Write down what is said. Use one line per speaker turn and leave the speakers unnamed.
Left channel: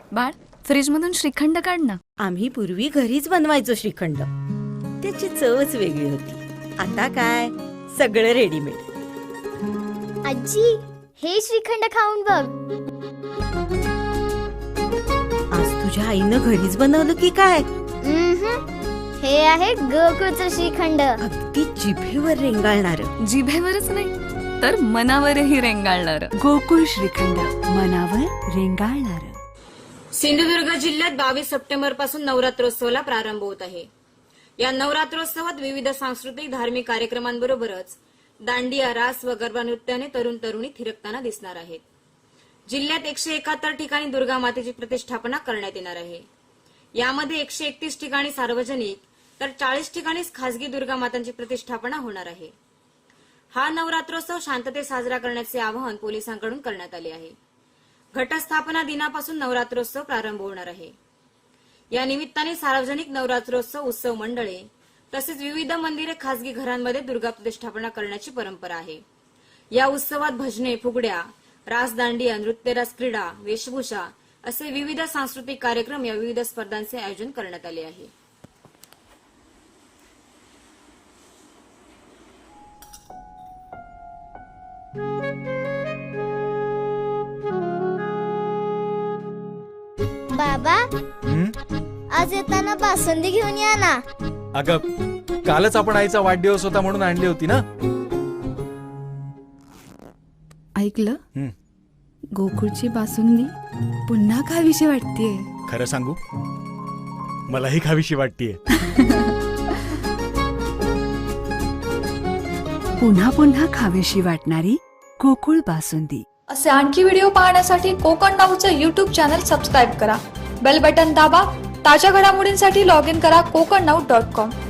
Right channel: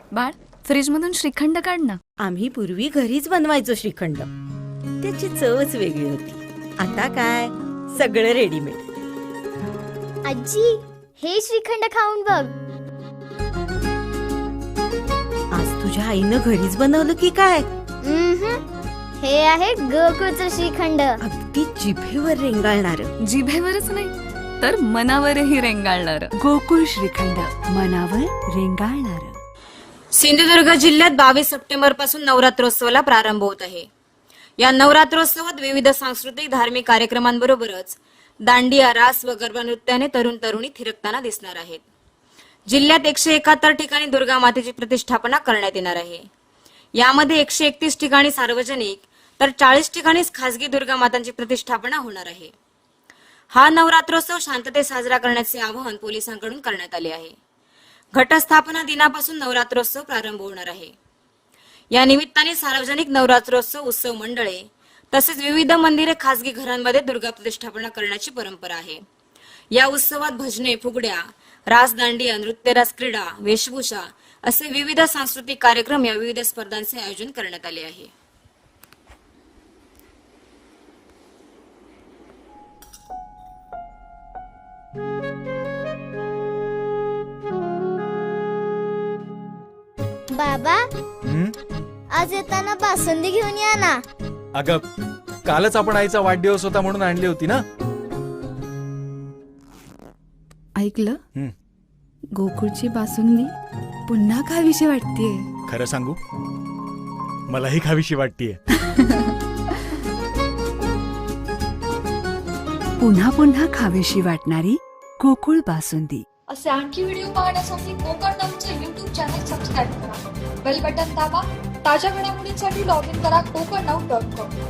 बाळ, फ्रीज मधून श्रीखंड काढ ना.
आम्ही पूर्वी घरीच बनवायचो श्रीखंड. त्याची चवच वेगळी होती. आता काय सगळं रेडीमेड.
आजी, हे श्रीखंड खाऊन बघ.
आज तुझ्या आईनं घरीच बनवलं की काय?
हे आहे गोकुळचं श्रीखंड.
अगदी जिभेवर रेंगाळणार.
जिभेवरच नाही तर मनावरही रेंगाळणार.
गोकुळ श्रीखंड, मनावर रेंगाळणार.
सिंधुदुर्ग जिल्ह्यात 22 सप्टेंबर पासून नवरात्रोत्सवाला प्रारंभ होत आहे. या नवरात्रोत्सवात विविध सांस्कृतिक धार्मिक कार्यक्रमांबरोबरच दांडिया, रास व गरबा नृत्याने तरुण तरुणी थिरकताना दिसणार आहेत. जिल्ह्यात 171 ठिकाणी दुर्गा मातेची प्रतिष्ठापना करण्यात येणार आहे. यामध्ये 131 ठिकाणी सार्वजनिक तर 40 ठिकाणीच खासगी दुर्गा मातांची प्रतिष्ठापना होणार आहे. हा नवरात्रोत्सव शांततेत साजरा करण्याचे आवाहन पोलिसांकडून करण्यात आले आहे. घटस्थापना दिनापासून नवरात्रोत्सव प्रारंभ होणार आहे. या निमित्ताने सार्वजनिक नवरात्रोत्सव उत्सव मंडळे तसेच विविध मंदिरे, खासगी घरांमध्ये दुर्गा प्रतिष्ठापना करण्याची परंपरा आहे. या उत्सवात भजने, फुगड्या, रास, दांडिया, नृत्यरास, क्रीडा, वेशभूषा असे विविध सांस्कृतिक कार्यक्रम या विविध स्पर्धांचे आयोजन करण्यात आले आहे.
बाबा, आज येताना बासुंदी घेऊन या ना.
अगं, कालच आपण आईचा वाढदिवस होता म्हणून आणली होती ना.
ऐकलं? गोकुळची बासुंदी पुन्हा खावीशी वाटतेय.
खरं सांगू, मलाही खावीशी वाटतेय.
पुन्हा पुन्हा खावीशी वाटणारी गोकुळ बासुंदी.
असे आणखी व्हिडिओ पाहण्यासाठी कोकण नाऊचं YouTube चॅनल सबस्क्राईब करा. बेल बटन दाबा. ताज्या घडामोडींसाठी लॉग इन करा kokarnau.com.